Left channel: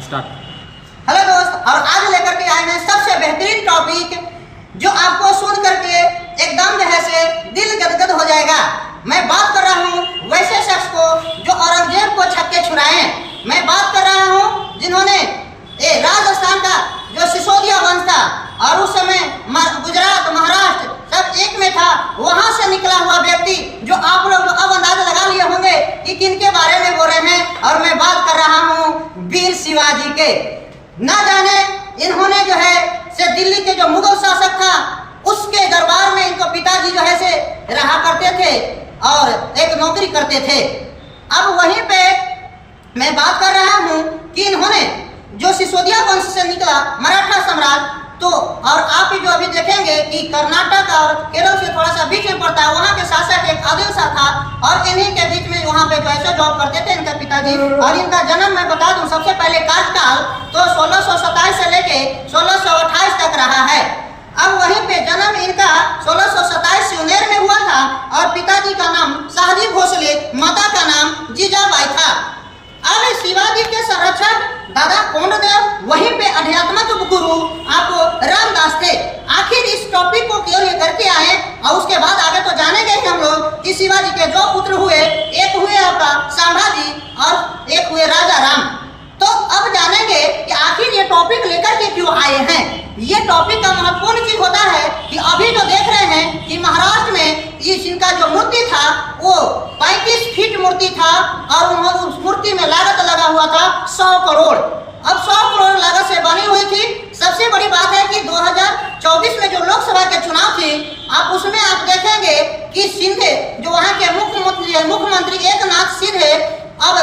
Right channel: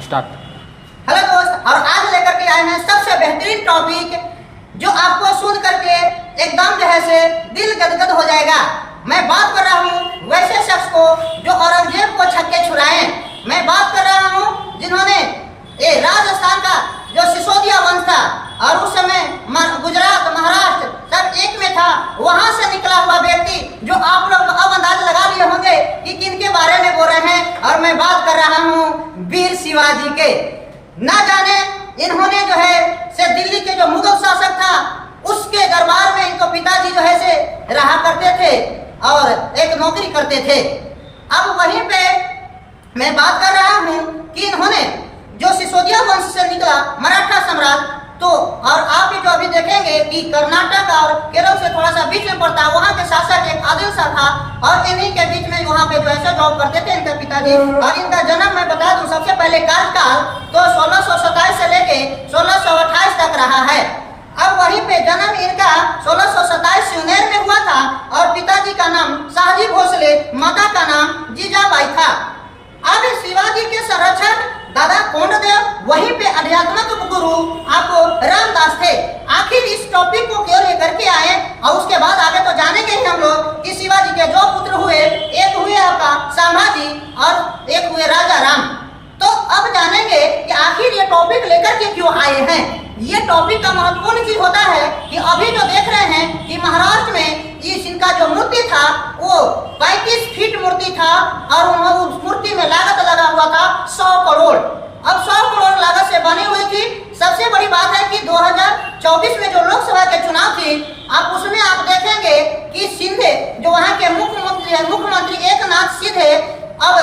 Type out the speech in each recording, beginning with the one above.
Start. Hello दोस्त, और आज लेकर के आए हैं सबसे बेहतरीन टॉपिक जो आपको सुन करके एकदम जो है से दिल गदगद हो जाएगा। मैं बात कर रहा हूँ वैसे शख्स को जो औरंगजेब को छक्के छुड़ाए। मैं बात कर रहा हूँ जिन्होंने राजस्थान का जो सिसोदिया वंश था और उस समय गुजरात महाराष्ट्र सब एक में था, वहां से निकला हुआ व्यक्ति जो आप लोग अब अंदाजा लगा लिए होंगे कि किनके बारे में बोल रहे हैं। और मैं बात कर रहा हूँ वीर शिवाजी के। ना जाने इन्होंने जो है से दिल्ली के जो मुगल शासक था उसके दरबार में इनको पिताजी जो है से रहा करते थे और एक नौकरी करते थे। अब वहीं पे मैं बात कर रहा हूँ कि इन्होंने जो सिसोदिया वंश से निकला मराठा सम्राट, तो और आप जो अभी देखेंगे कि कर्नाटक और केरल से थोड़ा सा बीच में पड़ता है, वहाँ के शासक एक आदिल शाह था और इन्हीं के बीच में वहाँ पे जो ऐसा जॉब करते थे इनके पिताजी। और इनका जन्म मैं बता दूं, सबसे पहले कार्यकाल तो 1627 से लेके 1628 तक रहा है। अब वहीं पे जन्म इनका 1627 सिवनेर में हुआ था और पिताजी का नाम शाहजी भोसले, माता का नाम जीजाबाई था। अब शिवाजी के संरक्षक दादा कोंडदेव, वहीं पे अध्यात्मक गुरु आपको रामदास थे। आखिर इस टॉपिक को क्यों लेकर के आए और उसके बाद आगे तो जानेंगे ही हम लोग कि शिवाजी के जो पुत्र हुए, एक हुए आपका संभाजी और एक हुए राजा राम। तो अब जानेंगे कि आखिर ये टॉपिक लेकर के क्यों आए हैं। ये टॉपिक का महत्वपूर्ण चीज होता है कि अभी जो देख रहे हैं कि महाराष्ट्र में ये इनका जो मूर्ति था वो 35 फीट मूर्ति था और उस मूर्ति में लागत लगा हुआ था 100 करोड़। अब 100 करोड़ लागत से बनी हुई थी। सबसे बड़ी बात है कि 2024 में जो लोकसभा के चुनाव थी, आप उसमें आप देखेंगे कि शिंदे जो वहाँ के मुख्यमंत्री एकनाथ शिंदे, अब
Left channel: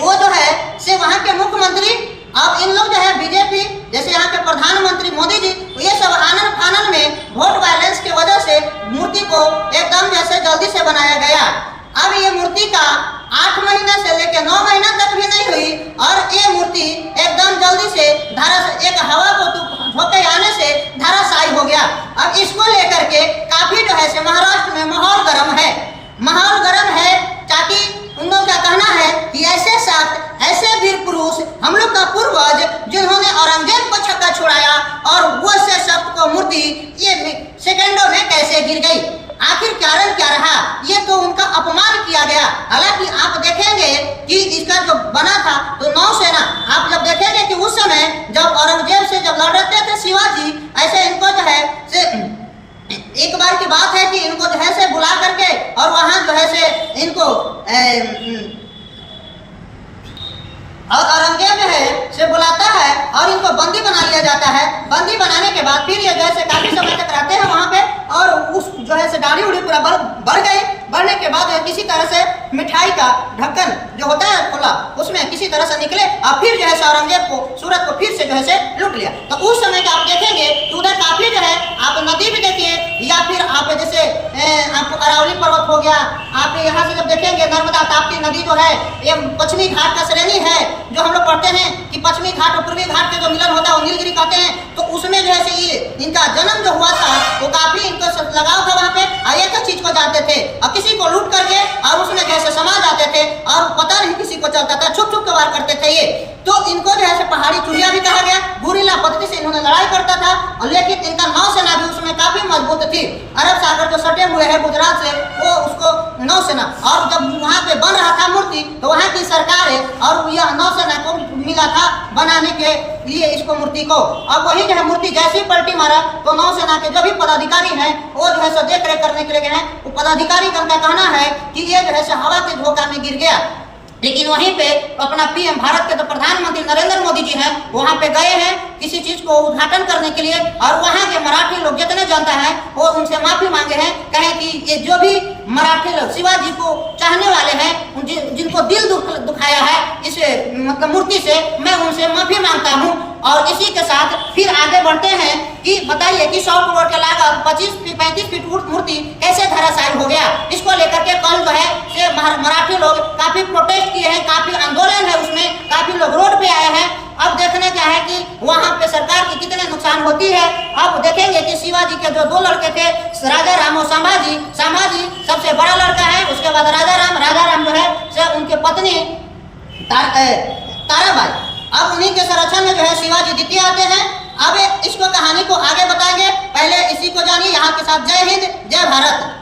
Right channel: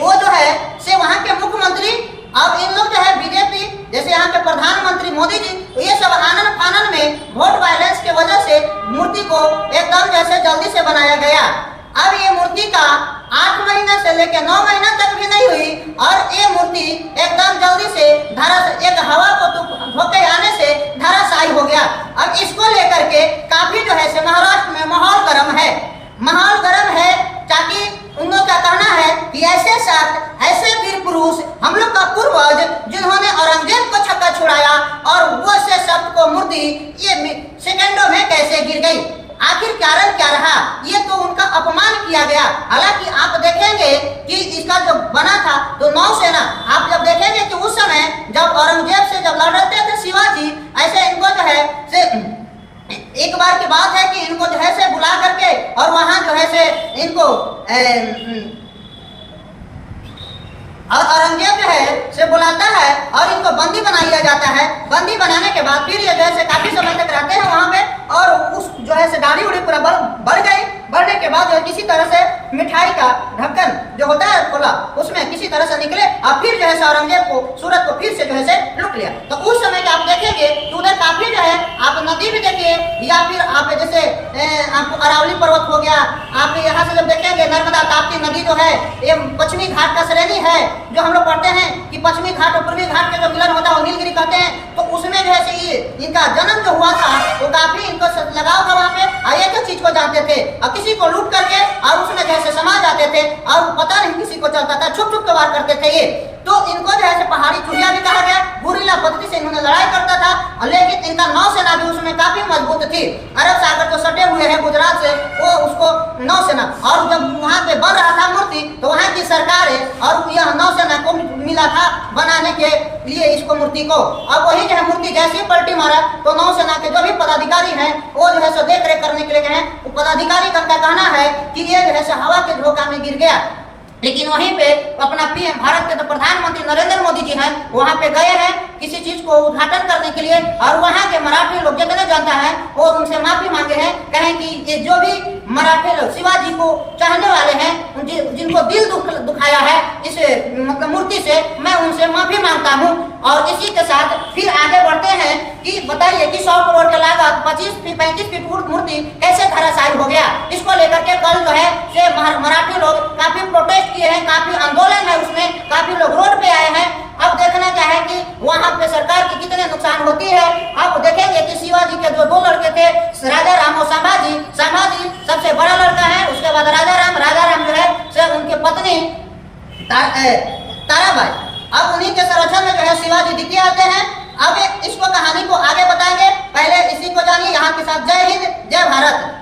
वो जो है से वहाँ के मुख्यमंत्री, अब इन लोग जो है बीजेपी जैसे यहाँ के प्रधानमंत्री मोदी जी, ये सब आनन फानन में वोट वायलेंस के वजह से मूर्ति को एकदम जैसे जल्दी से बनाया गया। अब ये मूर्ति का 8 महीना से लेकर 9 महीना तक भी नहीं हुई और ये मूर्ति एकदम जल्दी से एक हवा को धोके आने से धराशायी हो गया। अब इसको लेकर के काफी जो है से महाराष्ट्र में माहौल गर्म है, माहौल गर्म है। ताकि उन लोग का कहना है कि ऐसे वीर पुरुष हम लोग का पूर्वज जिन्होंने औरंगजेब को छक्का छुड़ाया और वो से शब्द को मूर्ति ये सेकंडों में कैसे गिर गई। आखिर कारण क्या रहा, ये तो उनका अपमान किया गया। हालांकि आप देखेंगे कि इसका जो बना था तो नौसेना, आप जब देखेंगे कि उस समय जब औरंगजेब से जब लड़ रहे थे शिवाजी, ऐसे इनको जो है से एक बार की बात है कि इनको जो है से बुला करके और वहां जो है से इनको और औरंगजेब जो है से बुलाता है और इनको बंदी बना लिया जाता है। बंदी बनाने के बाद फिर ये जैसे काफी समय तक रहते हैं वहां पे और उस जो है से दाढ़ी उड़ी पूरा बढ़ गई। बढ़ने के बाद किसी तरह से मिठाई का ढक्कन जो होता है खोला, उसमें किसी तरह से निकले और फिर जो है से औरंगजेब को सूरत को फिर से जो है से लूट लिया। तो उस समय का आप देखेंगे कि उधर काफी जो है आप नदी भी देखिए या फिर आप जैसे अरावली पर्वत हो गया, आप यहाँ से जब देखेंगे नर्मदा ताप्ती नदी जो है ये पश्चिमी घाट का श्रेणी है। जो हम लोग पढ़ते हैं कि पश्चिमी घाट और पूर्वी घाट के जो मिलन होता है वो नीलगिरी कहते हैं। तो उसमें जो है ये इनका जन्म जो हुआ था वो काफी इनको लगाव था वहाँ पे, एक चीज को जानते थे और किसी को लूट करके और उसमें जैसे समा जाते थे और पता नहीं किसी को चलता था, छुप छुप के वार करते थे ये। तो इनको जो है पहाड़ी चुहिया भी कहा गया। गुरिल्ला पद्धति से इन्होंने लड़ाई करता था, लेकिन इनका नौसेना भी उसमें काफी मजबूत थी। अरब सागर जो सटे हुए हैं गुजरात से, वो उसको नौसेना, और जब वहाँ पे बन रहा था मूर्ति तो वहाँ की सरकार है और यह नौसेना को मिला था बनाने के लिए इसको मूर्ति को। अब वही जो है मूर्ति जैसे पलटी मारा तो नौसेना के जो भी पदाधिकारी हैं वो जो है देख रेख करने के लिए गए हैं। वो पदाधिकारी का कहना है कि ये जो है हवा के झोंका में गिर गया। लेकिन वहीं पे अपना पीएम भारत के जो प्रधानमंत्री नरेंद्र मोदी जी हैं वहां पे गए हैं किसी चीज को उद्घाटन करने के लिए और वहां के मराठी लोग जितने जनता है वो उनसे माफी मांगे हैं। कहें कि ये जो भी मराठी लोग शिवाजी को चाहने वाले हैं, जिनको दिल दुखाया है इस मतलब मूर्ति से, मैं उनसे माफी मांगता हूँ। और इसी के साथ फिर आगे बढ़ते हैं कि बताइए कि 100 करोड़ के लागत 35 फीट मूर्ति कैसे धराशायी हो गया। इसको लेकर के कल जो है मराठी लोग काफी प्रोटेस्ट किए हैं, काफी आंदोलन है, उसमें काफी लोग रोड पे आए हैं। अब देखने का है कि वहाँ पे सरकार की कितने नुकसान होती है। अब देखेंगे कि शिवाजी के जो 2 लड़के थे, राजा राम और संभाजी सबसे बड़ा लड़का है, उसके बाद राजा राम जो है से उनके पत्नी ताराबाई। अब ये आते हैं। अब इसको कहानी को आगे बताएंगे, पहले इसी को जानिए। यहाँ के साथ जय हिंद, जय भारत।